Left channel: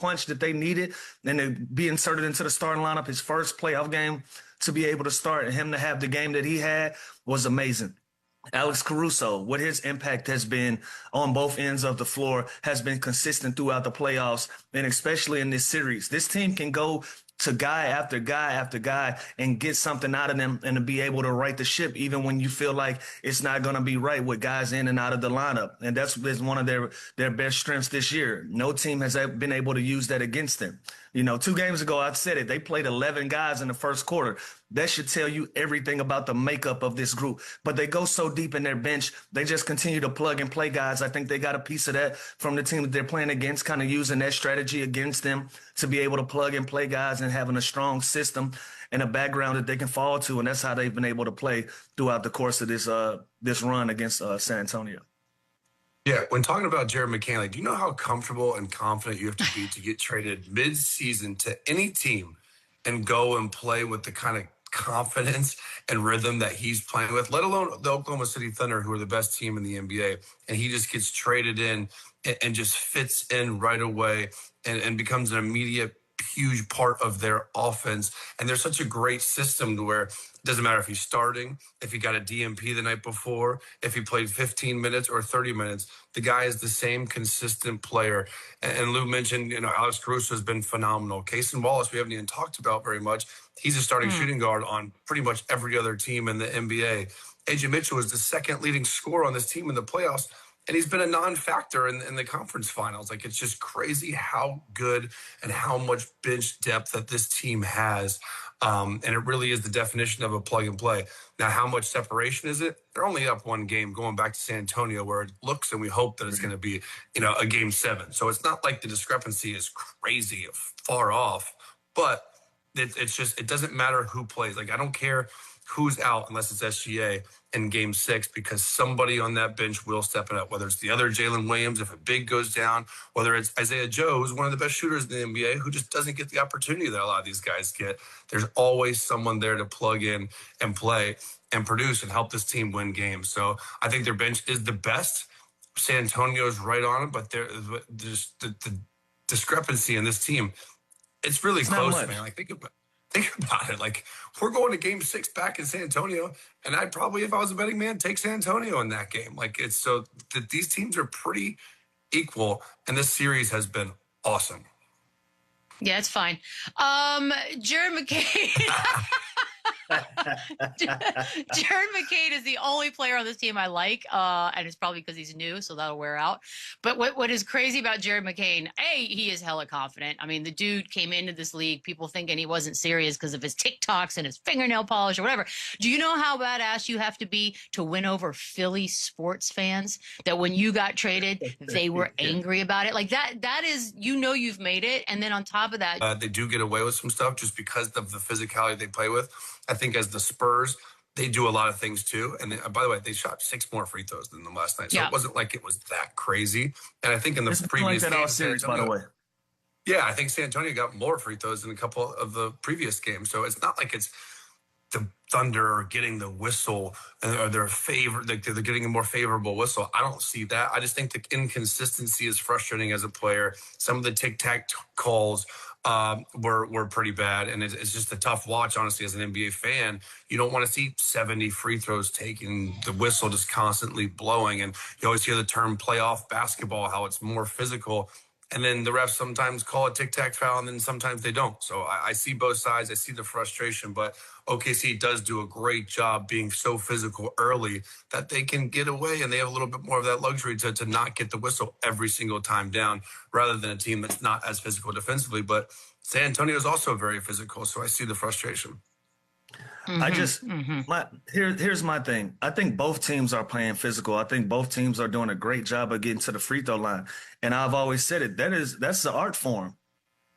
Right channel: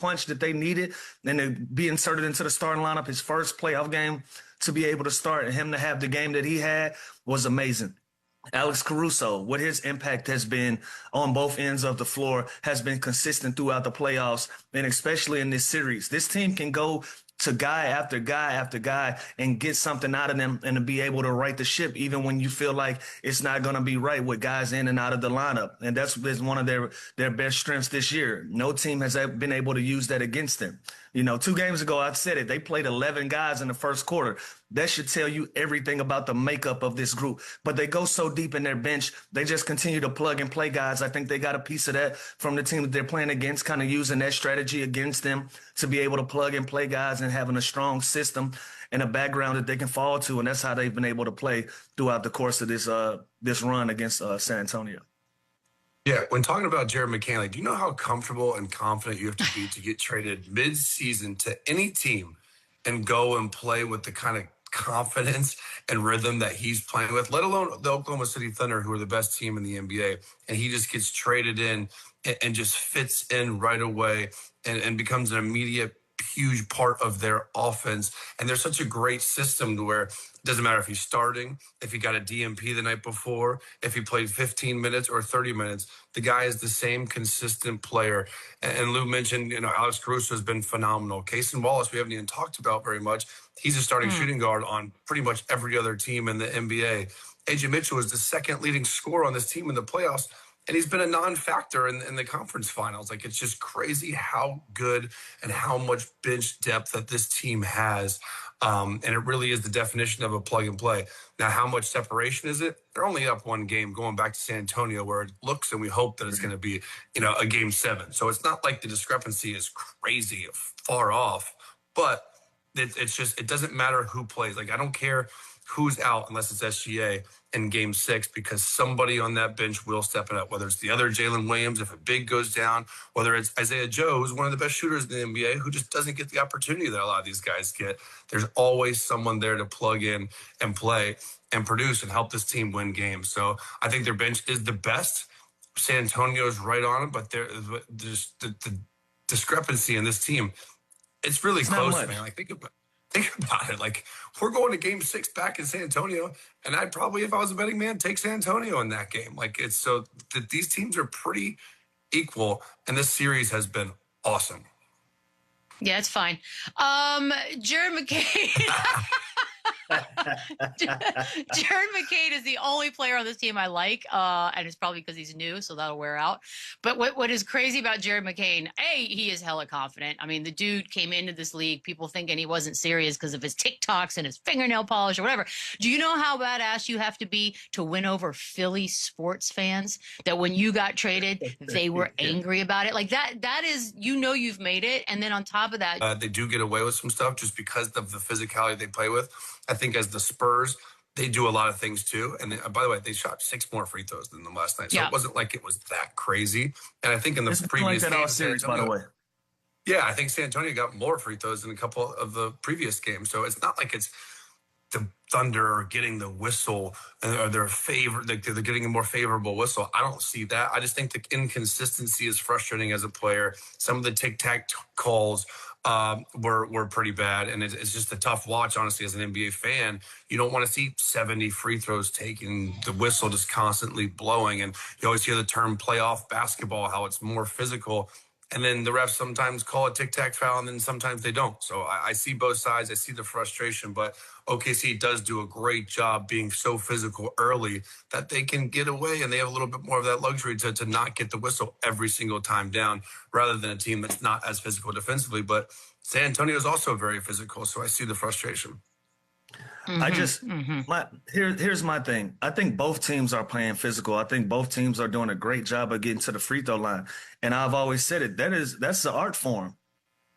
punch that they needed and to be inserted into the starting lineup, his first playoff game to be able to start and him to have the game that he had was amazing. Alex Caruso, what his impact has been on both ends of the floor has been consistent throughout the playoffs, and especially in this series. This team can go to guy after guy after guy and get something out of them and to be able to right the ship even when you feel like it's not going to be right with guys in and out of the lineup. And that's been one of their best strengths this year. No team has been able to use that against them. 2 games ago, I've said it, they played 11 guys in the first quarter. That should tell you everything about the makeup of this group. But they go so deep in their bench, they just continue to plug and play guys. I think they got a piece of that from the team that they're playing against, kind of using that strategy against them to be able to plug and play guys and having a strong system and a background that they can fall to. And that's how they've been able to play throughout the course of this run against San Antonio. Yeah, when talking about Jared McCain, do you know how comfortable and confident you have to be to get traded mid-season to any team and go and play with the kind of confidence and rhythm that he's playing with, let alone the Oklahoma City Thunder, who are the best team in the NBA, and he just gets traded in and just fits in right away and becomes an immediate huge part of their offense. And there's such a great system to where it doesn't matter if he's starting, if he got a DMP the night before, if he played 15 minutes or 30 minutes, the guy is the same consistent player. And Lou mentioned, Alex Caruso has been phenomenal. Cason Wallace, we haven't even talked about very much. He's a starting shooting guard on pretty much every other team in the NBA. AJ Mitchell is the second leading scorer on this team in the playoffs, and he's been a non-factor in the conference finals. It's just crazy how good and how much bench depth that this team has. And it really is the definition of a plug and play. Now, how much separation is it? They're only up 1 game going back to San Antonio, where it looks and we hope that it's going to be, a game 7. So it's not like the discrepancy is crazy far off, but it's just, it doesn't matter who plays. I don't care who's out unless it's SGA in game 6, because somebody on that bench will step it up, whether it's the other Jalen Williams, if a big goes down, whether it's Isaiah Joe, who's one of the best shooters in the NBA, who just doesn't get the opportunity that a lot of these guys get. There's always someone there to plug in and play and produce and help this team win games. So I think their bench is the best. San Antonio is right on it, but there's the discrepancy in this team. It's really close, man. Think about it. We're going to game 6 back in San Antonio, and I'd probably, if I was a betting man, take San Antonio in that game. It's so that these teams are pretty equal, and this series has been awesome. Yeah, it's fine. Jared McCain. Jared McCain is the only player on this team I like, and it's probably because he's new, so that'll wear out. But what is crazy about Jared McCain, he is hella confident. I mean, the dude came into this league, people thinking he wasn't serious because of his TikToks and his fingernail polish or whatever. Do you know how badass you have to be to win over Philly sports fans? That when you got traded, they were angry about it? That is, you've made it. And then on top of that, they do get away with some stuff just because of the physicality they play with. I think as the Spurs, they do a lot of things too. And by the way, they shot 6 more free throws than them last night. So It wasn't like it was that crazy. And I think in the previous game, series, by the way. Yeah, I think San Antonio got more free throws than a couple of the previous games. So it's not like it's the Thunder getting the whistle or they're getting a more favorable whistle. I don't see that. I just think the inconsistency is frustrating as a player. Some of the tic-tac calls were pretty bad, and it's just a tough watch, honestly, as an NBA fan. You don't want to see 70 free throws taken, the whistle just constantly blowing, and you always hear the term playoff basketball, how it's more physical, and then the refs sometimes call a tic-tac foul, and then sometimes they don't. So I see both sides. I see the frustration, but OKC does do a great job being so physical early that they can get away, and they have a little bit more of that luxury to not get the whistle every single time down, rather than a team that's not as physical defensively. But San Antonio is also very physical, so I see the frustration. Here's my thing. I think both teams are playing physical. I think both teams are doing a great job of getting to the free throw line. And I've always said it, that's the art form.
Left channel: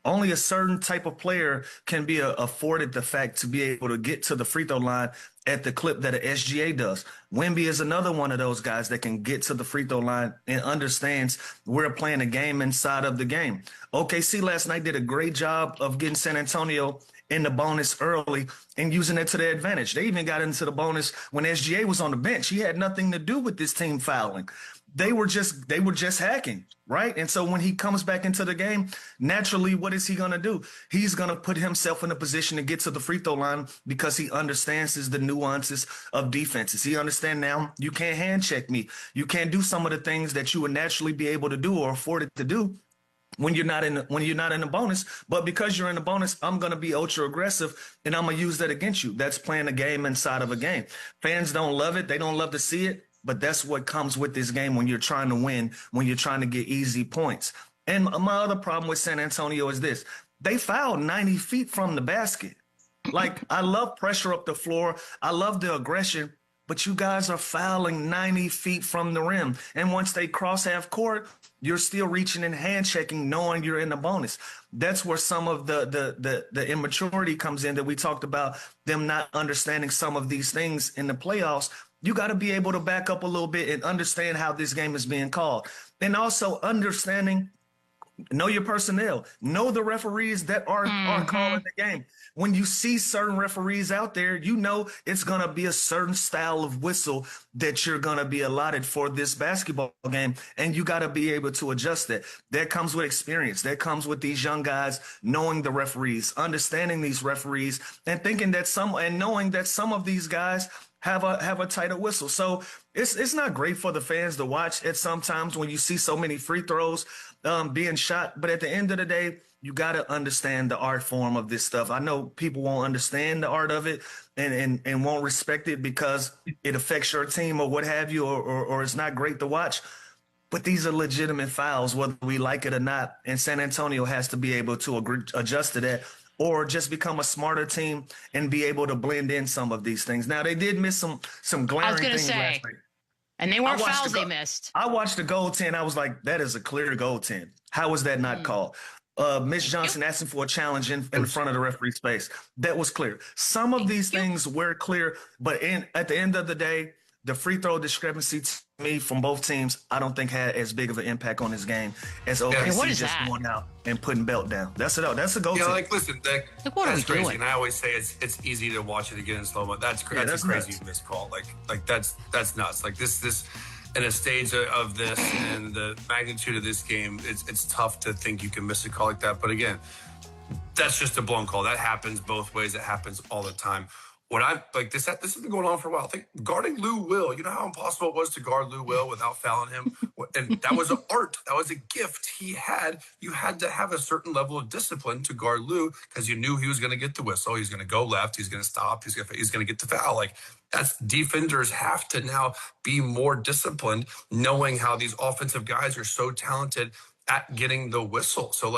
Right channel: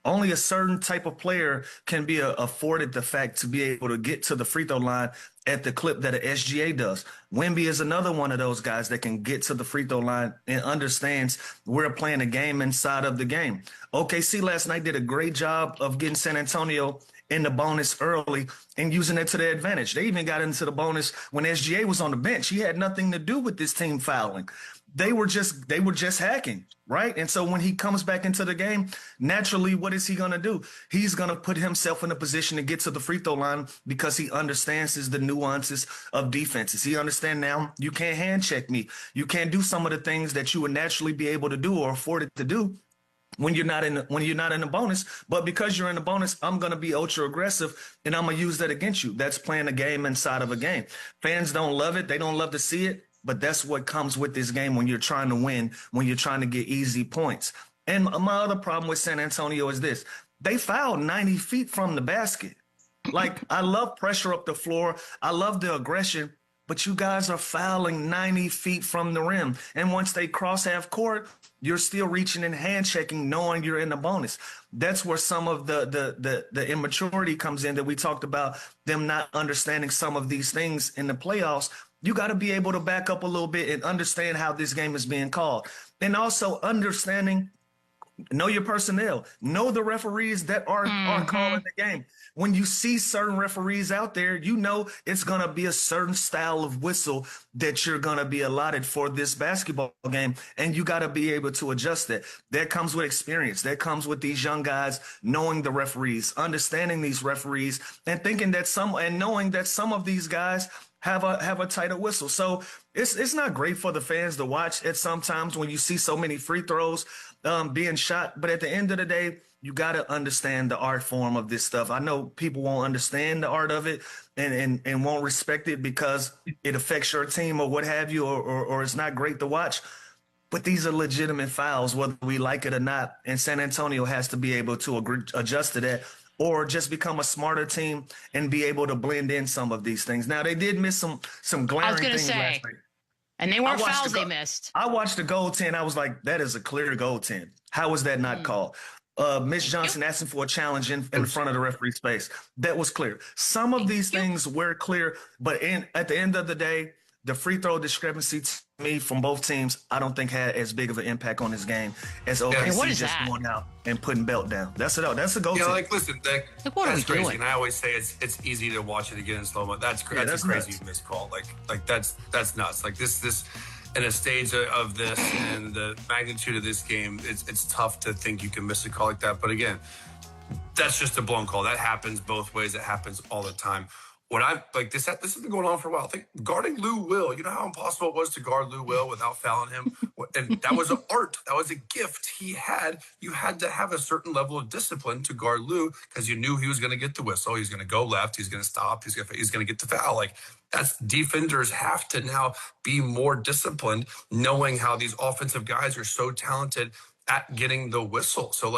Only a certain type of player can be afforded the fact to be able to get to the free throw line at the clip that an SGA does. Wemby is another one of those guys that can get to the free throw line and understands we're playing a game inside of the game. OKC last night did a great job of getting San Antonio in the bonus early and using it to their advantage. They even got into the bonus when SGA was on the bench. He had nothing to do with this team fouling. they were just hacking, right? And so when he comes back into the game, naturally, what is he going to do? He's going to put himself in a position to get to the free throw line because he understands the nuances of defenses. He understands now you can't hand check me. You can't do some of the things that you would naturally be able to do or afforded to do when you're not in the bonus. But because you're in the bonus, I'm going to be ultra aggressive and I'm going to use that against you. That's playing a game inside of a game. Fans don't love it. They don't love to see it. But that's what comes with this game when you're trying to win, when you're trying to get easy points. And my other problem with San Antonio is this. They fouled 90 feet from the basket. Like, I love pressure up the floor. I love the aggression. But you guys are fouling 90 feet from the rim. And once they cross half court, you're still reaching and hand checking, knowing you're in the bonus. That's where some of the immaturity comes in that we talked about, them not understanding some of these things in the playoffs. You got to be able to back up a little bit and understand how this game is being called. And also understanding, know your personnel, know the referees that are calling the game. When you see certain referees out there, you know it's going to be a certain style of whistle that you're going to be allotted for this basketball game, and you got to be able to adjust that. That comes with experience. That comes with these young guys knowing the referees, understanding these referees, and knowing that some of these guys have a tighter whistle. So it's not great for the fans to watch at sometimes when you see so many free throws being shot. But at the end of the day, you got to understand the art form of this stuff. I know people won't understand the art of it and won't respect it because it affects your team or what have you, or it's not great to watch. But these are legitimate fouls, whether we like it or not. And San Antonio has to be able to adjust to that, or just become a smarter team and be able to blend in some of these things. Now, they did miss some glaring things last night. And they weren't fouls they missed. I watched the goaltend. I was like, that is a clear goaltend. How was that not called? Mitch Johnson asking for a challenge in front of the referee's face. That was clear. Some of these things were clear, but at the end of the day, the free throw discrepancy to me from both teams, I don't think had as big of an impact on this game as OKC just going out and putting belt down. That's it. That's a goal. Yeah, like listen, that's crazy. Doing? And I always say it's easy to watch it again in slow mo. That's a crazy missed call. Like that's nuts. Like this in a stage of this and the magnitude of this game, it's tough to think you can miss a call like that. But again, that's just a blown call. That happens both ways. It happens all the time. This has been going on for a while. I think guarding Lou Will, you know how impossible it was to guard Lou Will without fouling him? And that was an art. That was a gift he had. You had to have a certain level of discipline to guard Lou because you knew he was going to get the whistle. He's going to go left. He's going to stop. He's going to get the foul. Like, defenders have to now be more disciplined, knowing how these offensive guys are so talented at getting the whistle. So,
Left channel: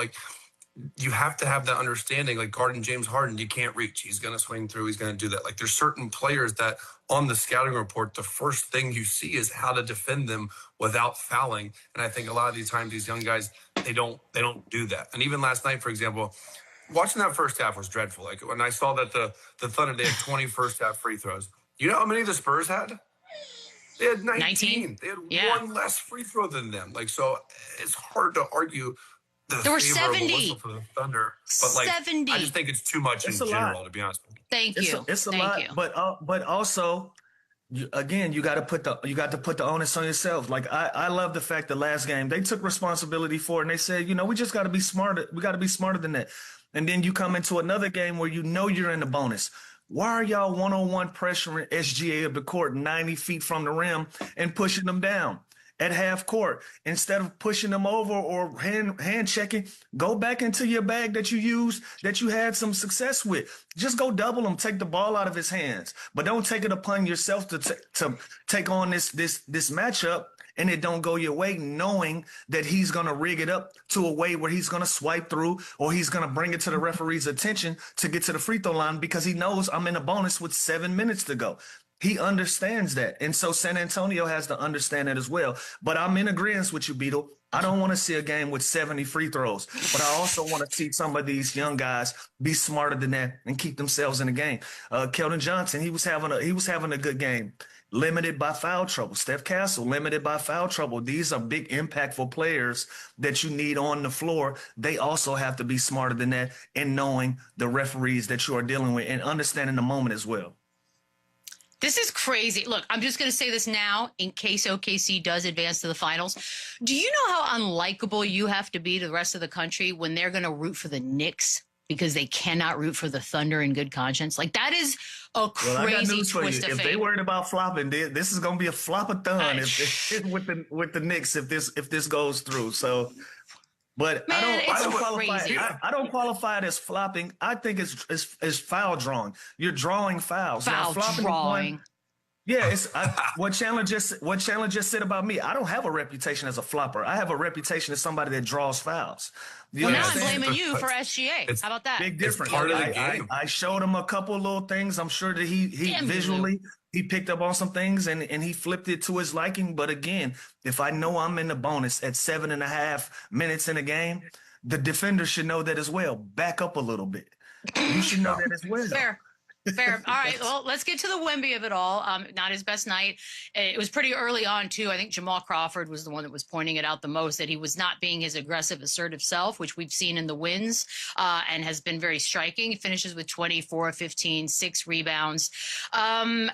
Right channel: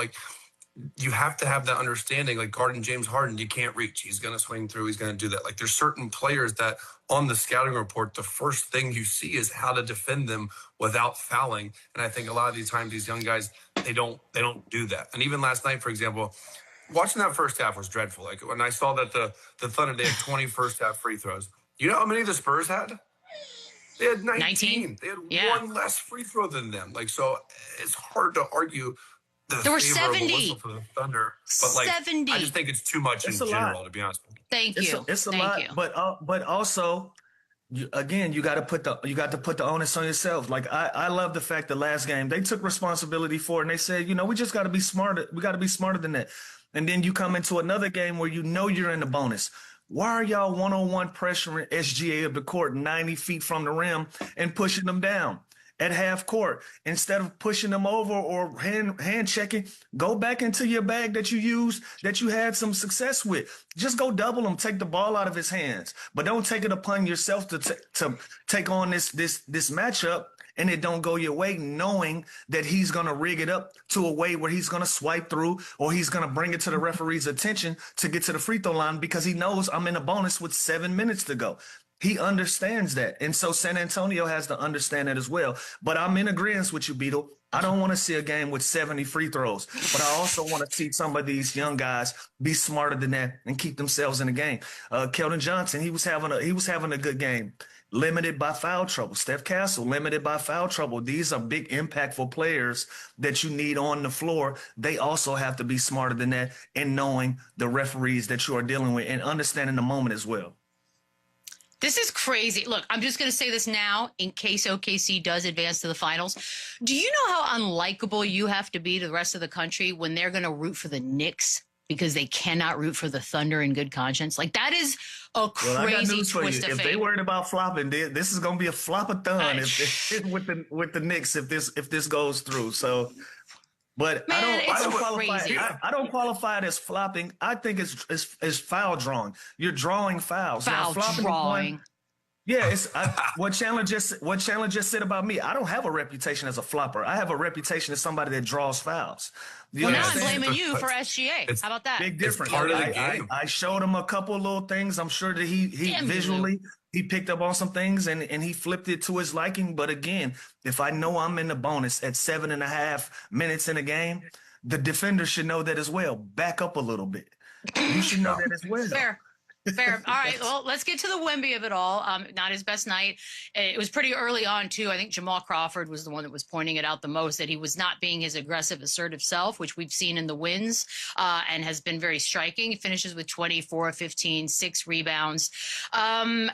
you have to have that understanding, like guarding James Harden, you can't reach. He's going to swing through. He's going to do that. Like, there's certain players that on the scouting report, the first thing you see is how to defend them without fouling. And I think a lot of these times, these young guys, they don't do that. And even last night, for example, watching that first half was dreadful. Like, when I saw that the Thunder, they had 20 first half free throws. You know how many the Spurs had? They had 19. They had one less free throw than them. Like, so it's hard to argue there were 70 whistle for the Thunder, but 70. I just think it's too much in general, to be honest with you. Thank you. It's a lot, but also, again, you got to put the onus on yourself. Like, I love the fact that last game they took responsibility for it and they said, we just got to be smarter. We got to be smarter than that. And then you come into another game where you're in the bonus. Why are y'all one-on-one pressuring SGA of the court 90 feet from the rim and pushing them down at half court? Instead of pushing them over or hand checking, go back into your bag that you used, that you had some success with. Just go double him, take the ball out of his hands, but don't take it upon yourself to take on this matchup and it don't go your way, knowing that he's going to rig it up to a way where he's going to swipe through or he's going to bring it to the referee's attention to get to the free throw line because he knows I'm in a bonus with 7 minutes to go. He understands that. And so San Antonio has to understand that as well. But I'm in agreement with you, Beetle. I don't want to see a game with 70 free throws, but I also want to see some of these young guys be smarter than that and keep themselves in the game. Keldon Johnson, he was having a good game. Limited by foul trouble. Steph Castle, limited by foul trouble. These are big, impactful players that you need on the floor. They also have to be smarter than that and knowing the referees that you are dealing with and understanding the moment as well. This is crazy. Look, I'm just going to say this now in case OKC does advance to the finals. Do you know how unlikable you have to be to the rest of the country when they're going to root for the Knicks because they cannot root for the Thunder in good conscience? Like, that is a crazy I got news for you. twist of If fate. they worried about flopping, this is going to be a flopathon with the Knicks if this goes through. So, but Man, I don't qualify it as flopping. I think it's foul drawing. You're drawing fouls. Foul now, flopping drawing. is one. Yeah, what Chandler just said about me. I don't have a reputation as a flopper. I have a reputation as somebody that draws fouls. Well, now I'm understand? blaming you for SGA. How about that? Big difference. part of the game. I showed him a couple of little things. I'm sure that he visually he picked up on some things and he flipped it to his liking. But again, if I know I'm in the bonus at 7.5 minutes in a game, the defender should know that as well. Back up a little bit. You should know that as well. Fair. All right. Well, let's get to the Wemby of it all. Not his best night. It was pretty early on, too. I think Jamal Crawford was the one that was pointing it out the most, that he was not being his aggressive, assertive self, which we've seen in the wins and has been very striking. He finishes with 24, 15, 6 rebounds. I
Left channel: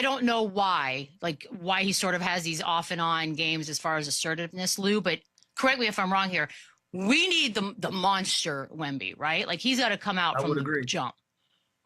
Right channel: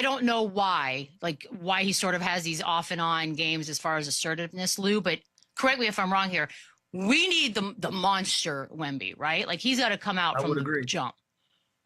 don't know why he sort of has these off and on games as far as assertiveness, Lou, but correct me if I'm wrong here. We need the monster Wemby, right? Like, he's got to come out from the jump.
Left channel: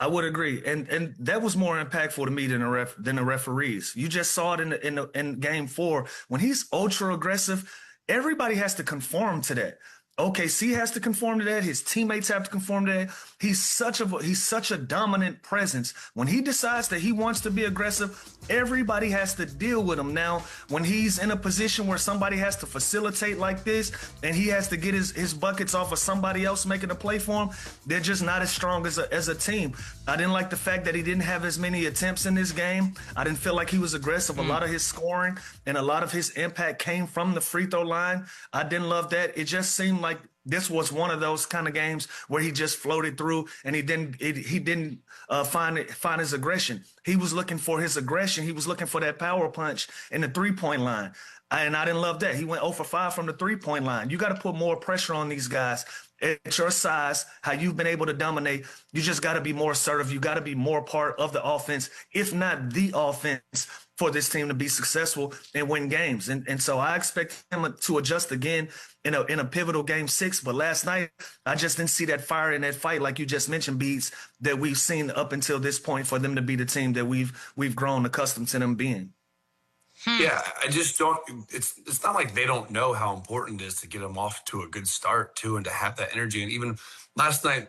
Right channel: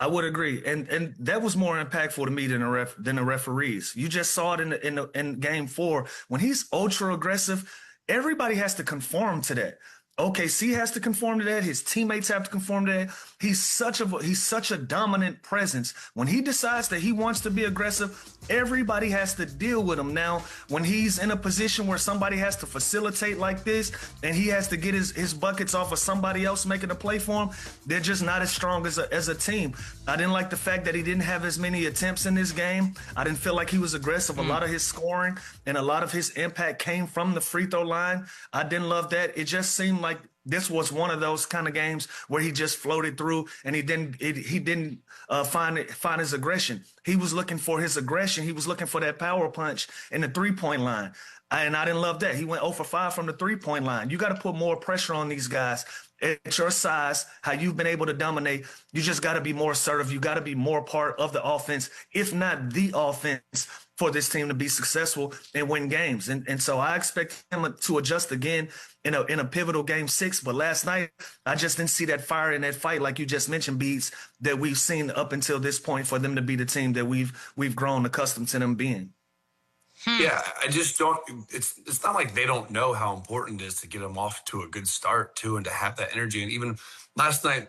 I would agree, and that was more impactful to me than the referees. You just saw it in Game 4 when he's ultra aggressive. Everybody has to conform to that. OKC has to conform to that. His teammates have to conform to that. He's such a dominant presence. When he decides that he wants to be aggressive, everybody has to deal with him. Now, when he's in a position where somebody has to facilitate like this and he has to get his buckets off of somebody else making a play for him, they're just not as strong as a team. I didn't like the fact that he didn't have as many attempts in this game. I didn't feel like he was aggressive. A lot of his scoring and a lot of his impact came from the free throw line. I didn't love that. It just seemed like this was one of those kind of games where he just floated through and he didn't find his aggression. He was looking for his aggression. He was looking for that power punch in the 3-point line. And I didn't love that. He went 0 for 5 from the 3-point line. You got to put more pressure on these guys. At your size, how you've been able to dominate, you just got to be more assertive. You got to be more part of the offense, if not the offense, for this team to be successful and win games. And so I expect him to adjust again in a pivotal Game 6. But last night, I just didn't see that fire in that fight, like you just mentioned, Beats, that we've seen up until this point for them to be the team that we've grown accustomed to them being. Yeah, I just don't. It's not like they don't know how important it is to get them off to a good start too, and to have that energy. And even last night,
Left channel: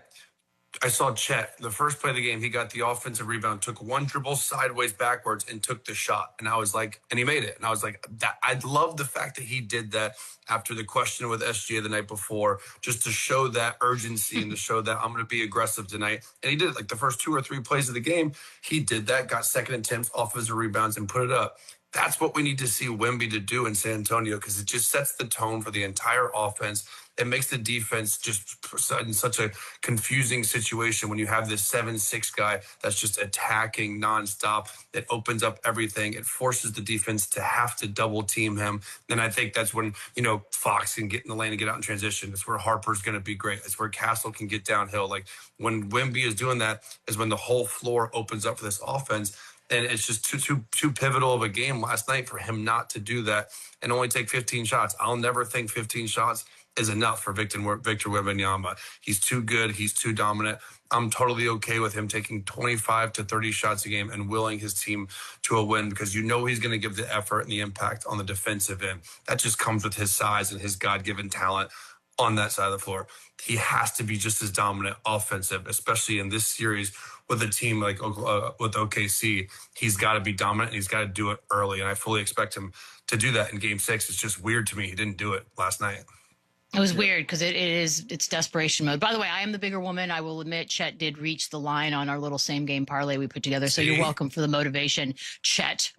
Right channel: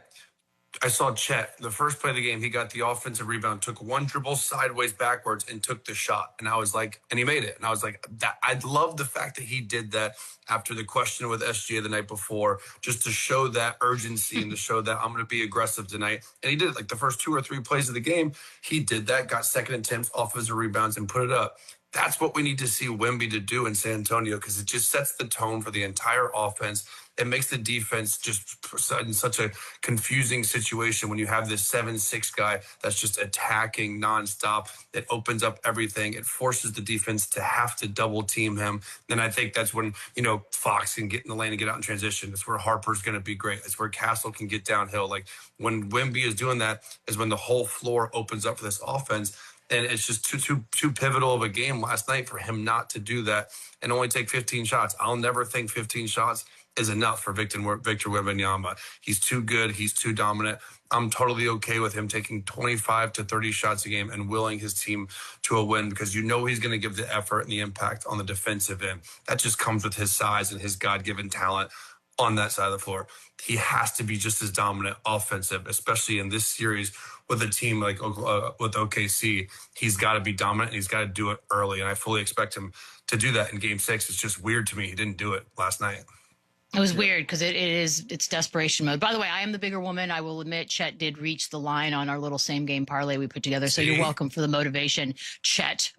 I saw Chet. The first play of the game, he got the offensive rebound, took one dribble sideways backwards, and took the shot. And I was like, and he made it. And I was like, I love the fact that he did that after the question with SGA the night before, just to show that urgency and to show that I'm going to be aggressive tonight. And he did it. Like the first 2 or 3 plays of the game, he did that, got second and 10th offensive rebounds, and put it up. That's what we need to see Wemby to do in San Antonio, because it just sets the tone for the entire offense. It makes the defense just in such a confusing situation when you have this 7-6 guy that's just attacking nonstop. It opens up everything. It forces the defense to have to double team him. And I think that's when, Fox can get in the lane and get out in transition. That's where Harper's going to be great. That's where Castle can get downhill. Like when Wemby is doing that is when the whole floor opens up for this offense. And it's just too pivotal of a game last night for him not to do that and only take 15 shots. I'll never think 15 shots is enough for Victor Wembanyama. He's too good. He's too dominant. I'm totally okay with him taking 25 to 30 shots a game and willing his team to a win, because he's going to give the effort and the impact on the defensive end. That just comes with his size and his God-given talent on that side of the floor. He has to be just as dominant offensive, especially in this series with a team like with OKC. He's got to be dominant and he's got to do it early. And I fully expect him to do that in Game 6. It's just weird to me he didn't do it last night. It was weird because it's desperation mode. By the way, I am the bigger woman. I will admit Chet did reach the line on our little same game parlay we put together. So you're welcome for the motivation, Chet.